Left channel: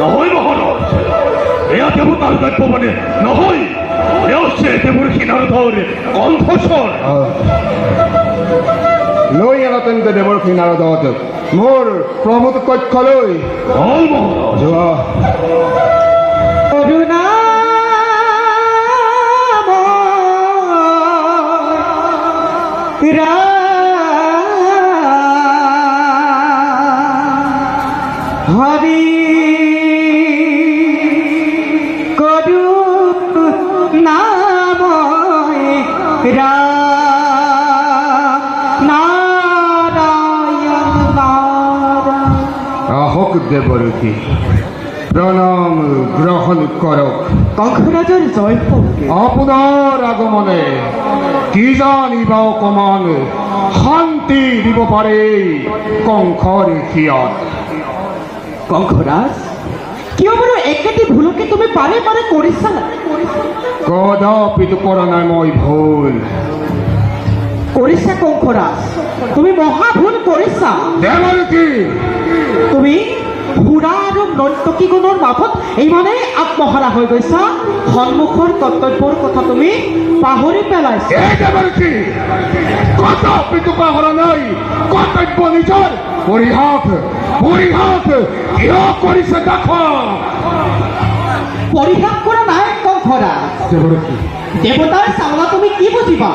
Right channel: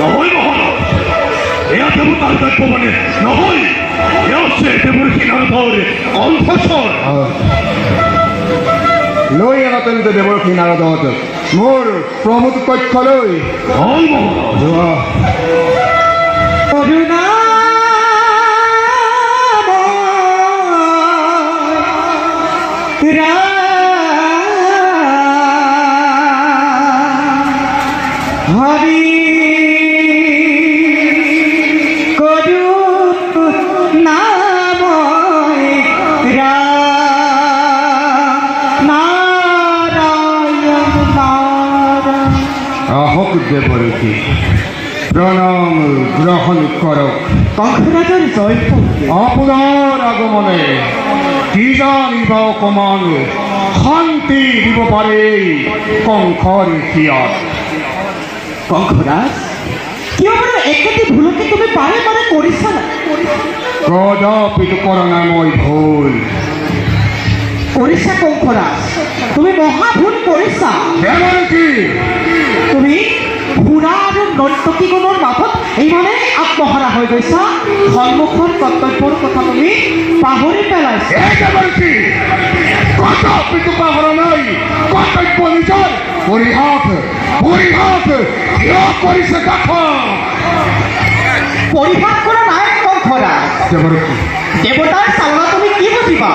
নহয় মহাৰাজ, এয়া দেবতাৰ গল্প মানে নহয়, এয়া হচ্ছে দেবৰ কিনাৰধৰ কণ্ঠস্বৰ। লৈ আনা তেন্তে দেৱৰ কিনাৰত মোৰ প্ৰমুখ তথ্য লৈ। হয় মহাৰাজ। হৰি কৰুক নাম নাৰায়ণ নাৰায়ণ। আহক দেৱৰূপী, প্ৰণাম গ্ৰহণ কৰক। কংসৰাজৰ জয় হোক। আপোনাৰ আগমনে কি জানিব অকমান শান্তি দিব পাৰে কংসৰ হিয়াত। কংসৰাজ, কিয় বাৰু একেটি ভুলকে তুমি বাৰে বাৰে কৰিছা? কদাপিতো কৰা নাই মই ভুল। কৰিছা কংসৰাজ, তুমি মহা ভুল কৰিছা। দেৱৰূপী, তুমি ঘোঁৰা আৰু নৰ্তকী গুণৰ মাজত ইমানেই আত্মহাৰা হৈ গৈছা, সন্মুখৰ কৰ্তব্যৰ কথা তুমি পাহৰি পেলাইছা। দেৱৰূপী, কদাপিতো পাহৰা নাই কৰ্তব্য নিজৰ। পৰিহাস পৰিহাস কিয় কৰিছে দেখা? পৰিহাস কৰা নাই কংসৰাজ। দেৱৰূপী, দেৱতাৰ চালনা তুমি কি বুজিবা?